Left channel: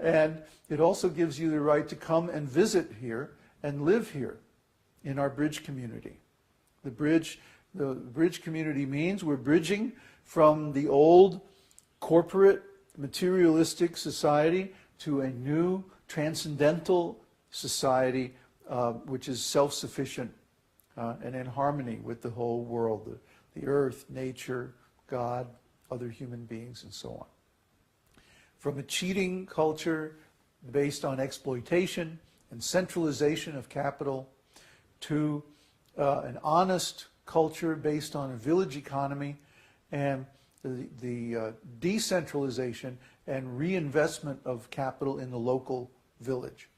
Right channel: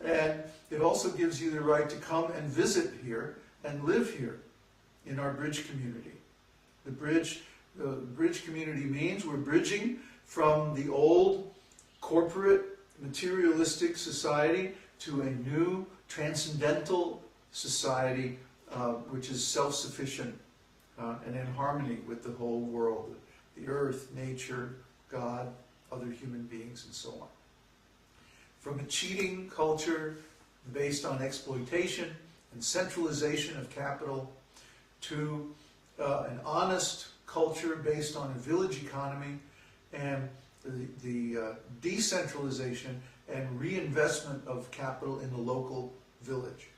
And it also gives you the right to come and visit here and live here in our bridge community. The bridge community means we're bridging from the old corporate materialistic society to a new transcendental society which is self-sufficient and in harmony with the whole world, the earth, nature, God, other human beings, and so on. From a cheating culture based on exploitation and centralization of capital to an honest culture based on a village economy and the decentralization and reinvestment of capital in the local village.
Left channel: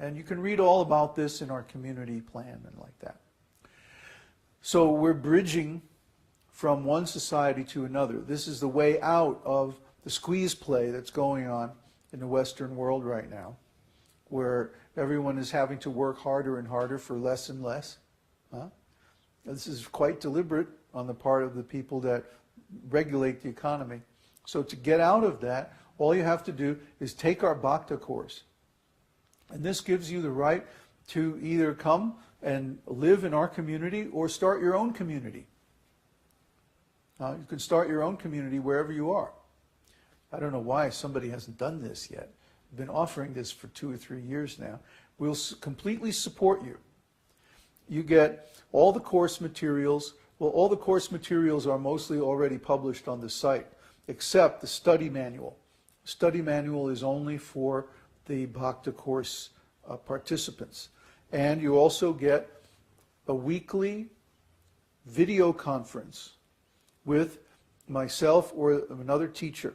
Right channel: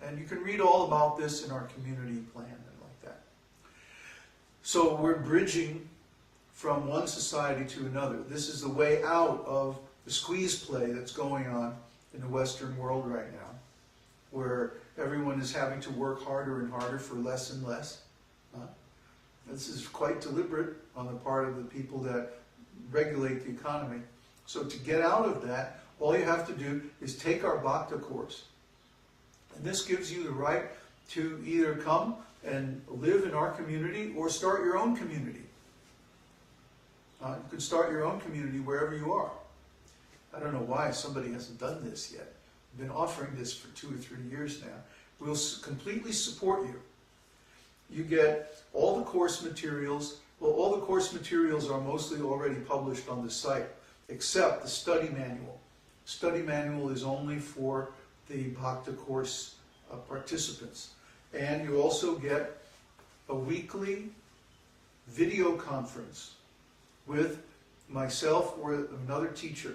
And you can read all about this in our community plan and like that. So we're bridging from one society to another. This is the way out of the squeeze play that's going on in the Western world right now, where everyone is having to work harder and harder for less and less. This is quite deliberate on the part of the people that regulate the economy. So to get out of that, all you have to do is take our Bhakti course. And this gives you the right to either come and live in our community or start your own community. You can start your own community wherever you are. I don't know why somebody hasn't done this yet. I've been offering this for 2 or 3 years now. We'll completely support you. You get all the course materials. Well, all the course materials are mostly already published on the site, except the study manual. Study manual is only for the Bhakti course participants. And you also get a weekly video conference with myself or another teacher.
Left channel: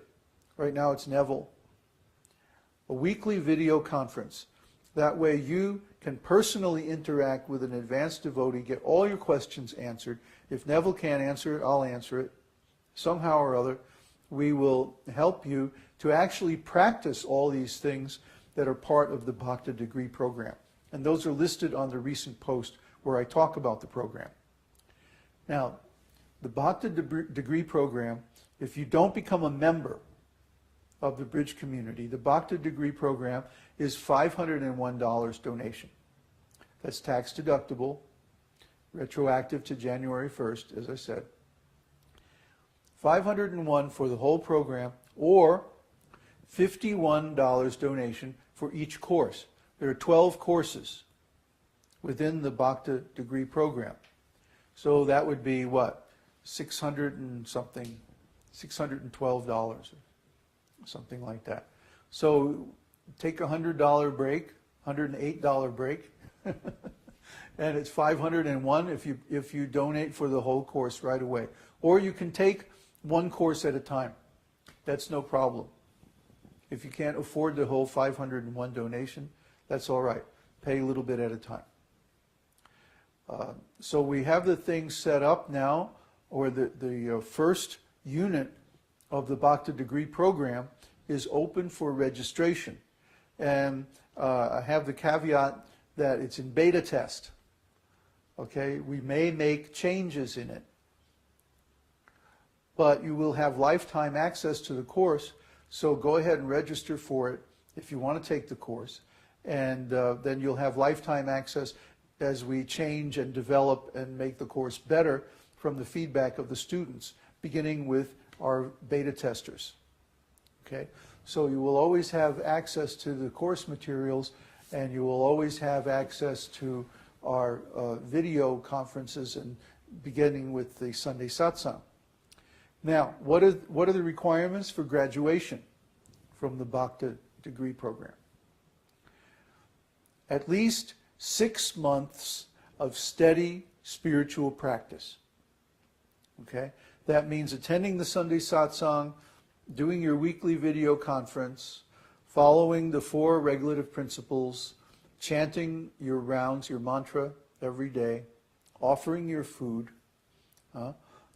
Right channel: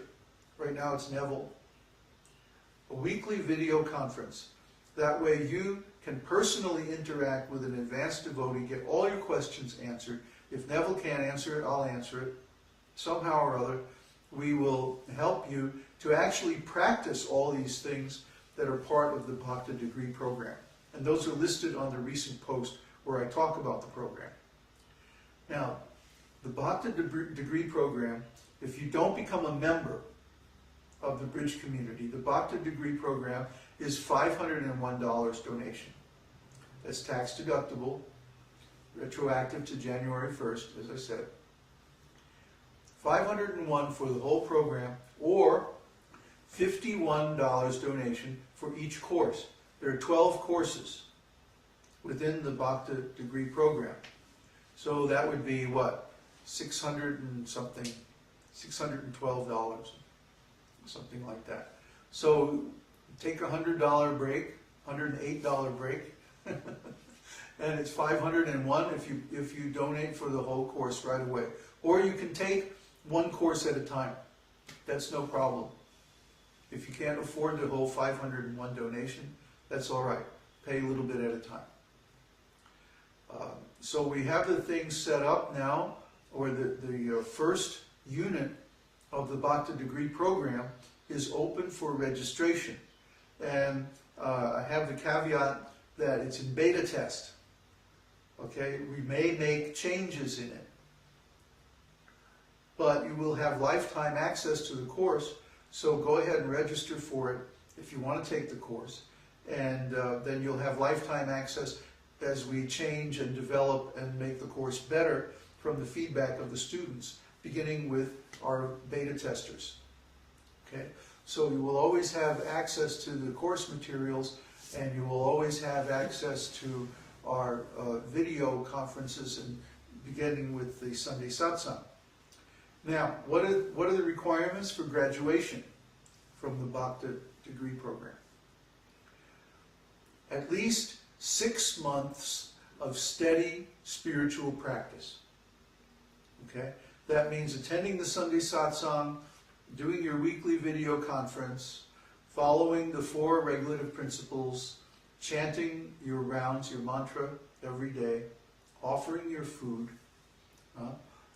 Right now it's Neville. A weekly video conference. That way you can personally interact with an advanced devotee, get all your questions answered. If Neville can't answer it, I'll answer it. Somehow or other, we will help you to actually practice all these things that are part of the Bhakti degree program. And those are listed on the recent post where I talk about the program. Now, the Bhakti degree program, if you don't become a member of the Bridge community, the Bhakti degree program is $501 donation. That's tax deductible, retroactive to January 1st, as I said. $501 for the whole program, or $51 donation for each course. There are 12 courses within the Bhakti degree program. So that would be what? $600 and something, $612, something like that. So take a $100 break, $108 break, and it's $501 if you donate for the whole course right away. Or you can take one course at a time. That's no problem. If you can't afford the whole 501 donation, that's all right. Pay a little bit at a time. So we have the thing set up now, or the first unit of the Bhakti degree program is open for registration. And I have the caveat that it's in beta test. Okay, we may make changes in it. But you will have lifetime access to the course, so go ahead and register for it if you want to take the course. And then you'll have lifetime access as we change and develop and make the course better from the feedback of the students, beginning with our beta testers. Okay, so you will always have access to the course materials, and you will always have access to our video conferences, and beginning with the Sunday Satsang. Now, what are the requirements for graduation from the Bhakti degree program? At least 6 months of steady spiritual practice. Okay? That means attending the Sunday Satsang, doing your weekly video conference, following the 4 regulative principles, chanting your rounds, your mantra every day, offering your food,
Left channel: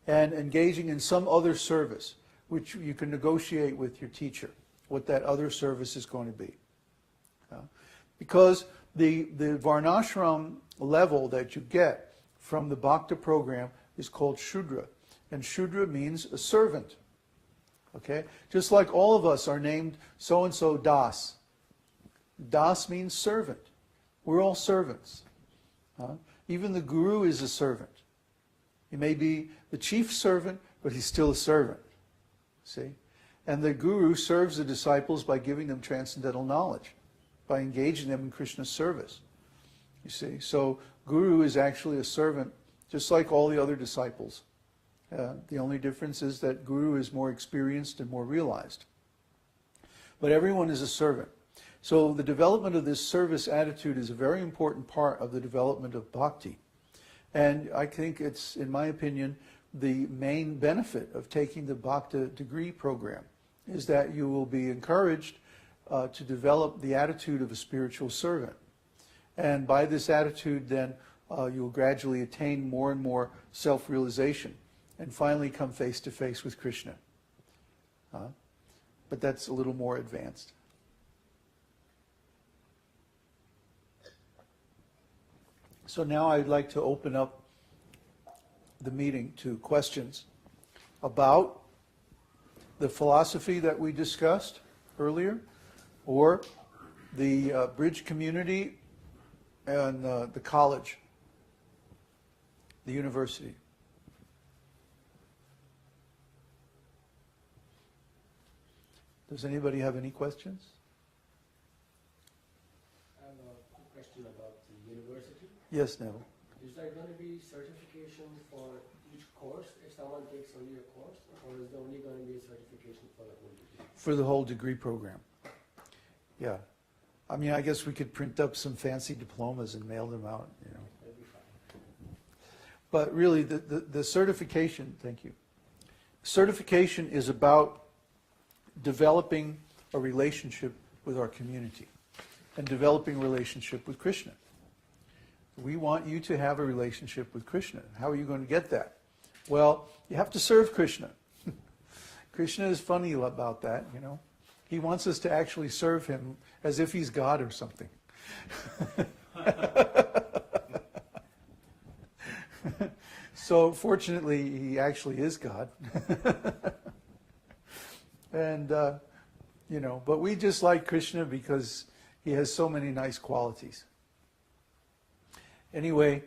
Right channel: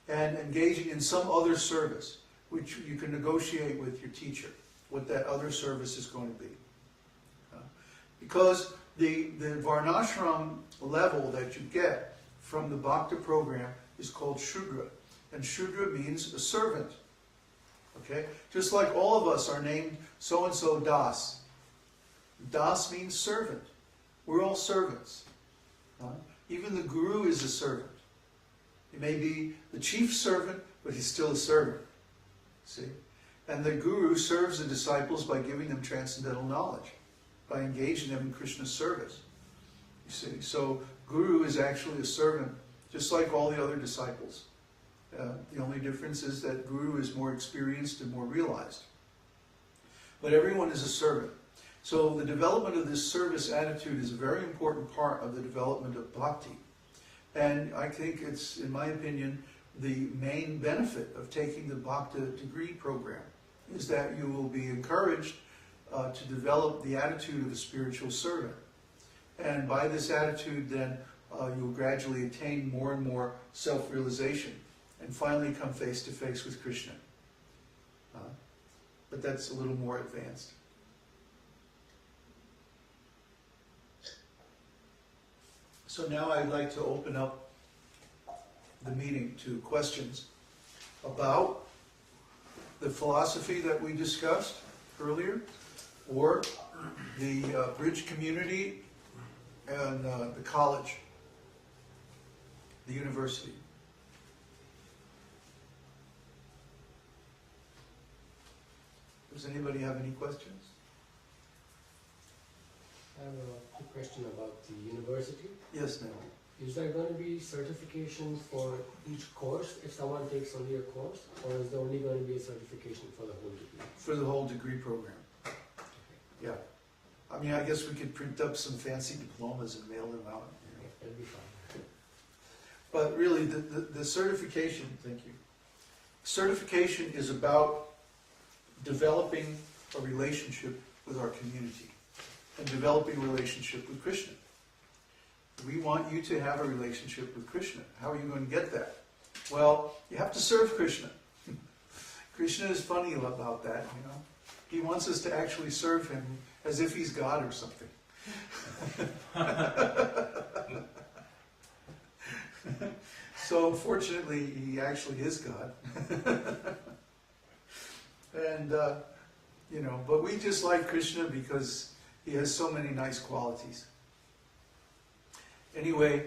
and engaging in some other service, which you can negotiate with your teacher, what that other service is going to be. Because the varnashram level that you get from the Bhakti program is called Shudra. And Shudra means a servant. Okay? Just like all of us are named so-and-so Das. Das means servant. We're all servants. Even the guru is a servant. He may be the chief servant, but he's still a servant. See? And the guru serves the disciples by giving them transcendental knowledge, by engaging them in Krishna's service. You see? So guru is actually a servant, just like all the other disciples. The only difference is that guru is more experienced and more realized. But everyone is a servant. So the development of this service attitude is a very important part of the development of bhakti. And I think it's, in my opinion, the main benefit of taking the bhakti degree program is that you will be encouraged to develop the attitude of a spiritual servant. And by this attitude, then, you'll gradually attain more and more self-realization and finally come face to face with Krishna. But that's a little more advanced. So now I'd like to open up the meeting to questions about the philosophy that we discussed earlier, or the bridge community and the college, the university. Does anybody have any questions? I have a quick question about the university. Yes, Neil. Is there going to be certification for each course if someone takes only a course, or is there only going to be a certification for the whole degree? For the whole degree program. Yeah. I mean, I guess we could print up some fancy diplomas and mail them out. You know. Yeah, that'd be fine. But really, the certification, thank you. Certification is about developing a relationship with our community and developing a relationship with Krishna. We want you to have a relationship with Krishna. How are you going to get that? Well, you have to serve Krishna. Krishna is funny about that, you know. He wants us to actually serve him as if he's God or something. So fortunately, he actually is God. And, you know, but we just like Krishna because he has so many nice qualities. Anyway,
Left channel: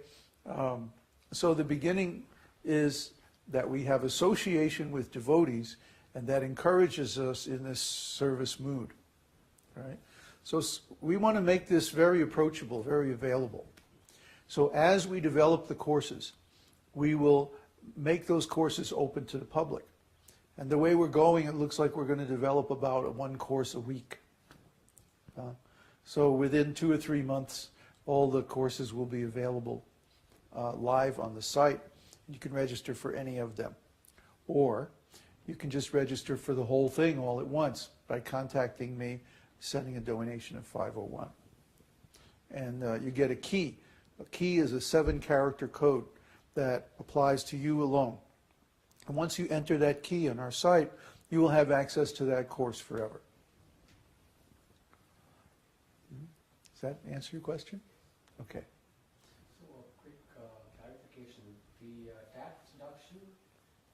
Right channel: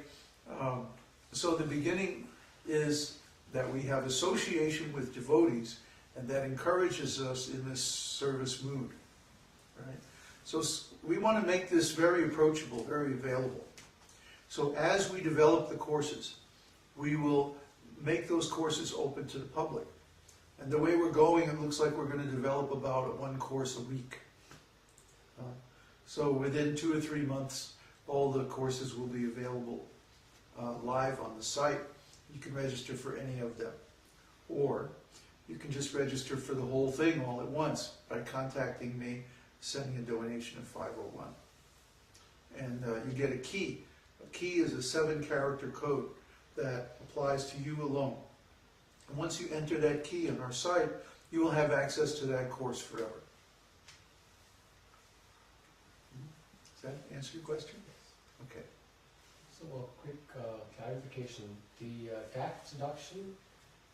so the beginning is that we have association with devotees, and that encourages us in this service mood, right? So we want to make this very approachable, very available. So as we develop the courses, we will make those courses open to the public. And the way we're going, it looks like we're going to develop about one course a week. So within 2 or 3 months, all the courses will be available live on the site. You can register for any of them. Or you can just register for the whole thing all at once by contacting me, sending a donation of 501. And you get a key. A key is a 7-character code that applies to you alone. And once you enter that key on our site, you will have access to that course forever. Does that answer your question? Okay. So a quick clarification. The tax deduction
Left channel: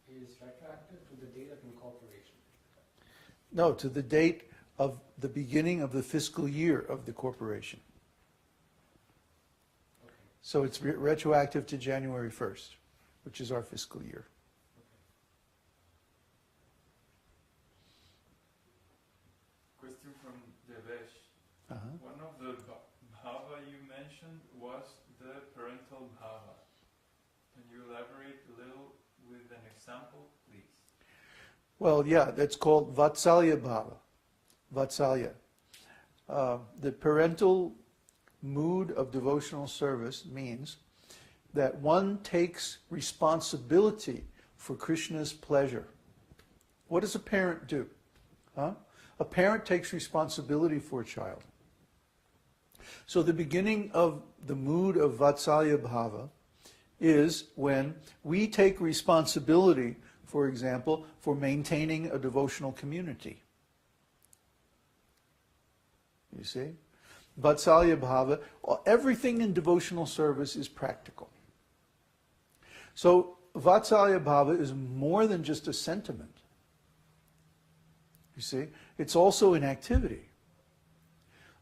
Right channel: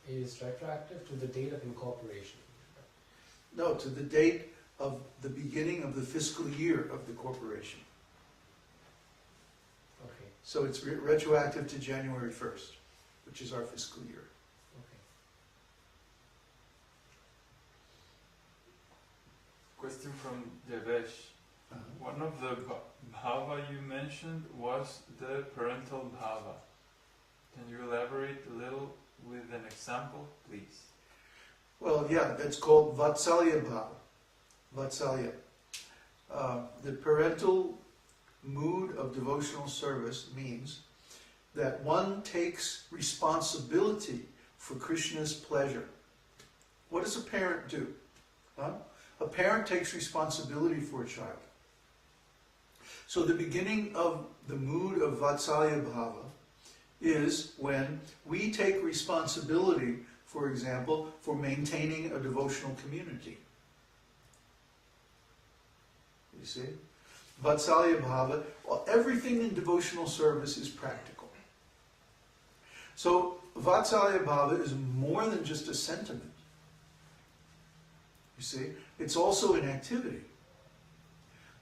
is retroactive to the date of incorporation. No, to the date of the beginning of the fiscal year of the corporation. Okay. So it's retroactive to January 1st, which is our fiscal year. Okay. Question from Devesh. One of the bhāva you mentioned was the parental bhāva. Can you elaborate a little with an example, please? Well, yeah, that's called vatsalya bhava. Vatsalya. The parental mood of devotional service means that one takes responsibility for Krishna's pleasure. What does a parent do? A parent takes responsibility for a child. So the beginning of the mood of vatsalya bhava is when we take responsibility, for example, for maintaining a devotional community. You see? Vatsalya bhava, everything in devotional service is practical. So Vatsalya bhava is more than just a sentiment. You see? It's also an activity.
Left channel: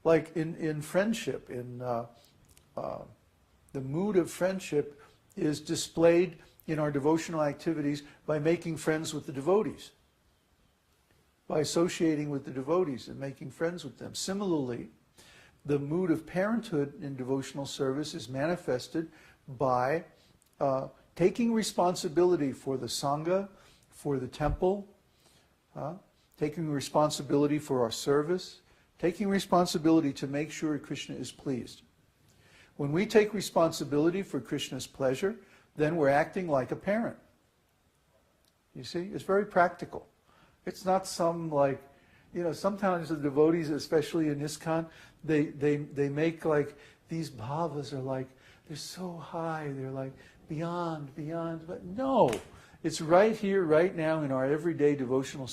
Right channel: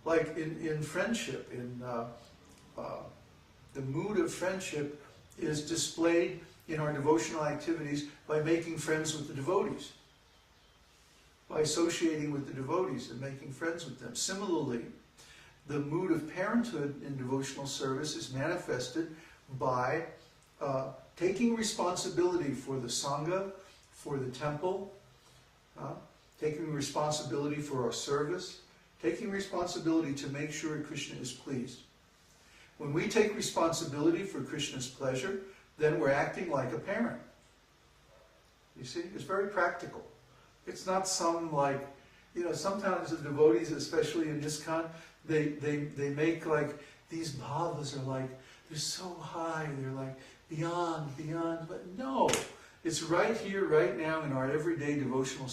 Like in friendship, the mood of friendship is displayed in our devotional activities by making friends with the devotees, by associating with the devotees and making friends with them. Similarly, the mood of parenthood in devotional service is manifested by taking responsibility for the Sangha, for the temple, taking responsibility for our service, taking responsibility to make sure Krishna is pleased. When we take responsibility for Krishna's pleasure, then we're acting like a parent. You see, it's very practical. It's not some like, sometimes the devotees, especially in ISKCON, they make like, these bhavas are like, they're so high, they're like beyond, but no. It's right here, right now in our everyday devotional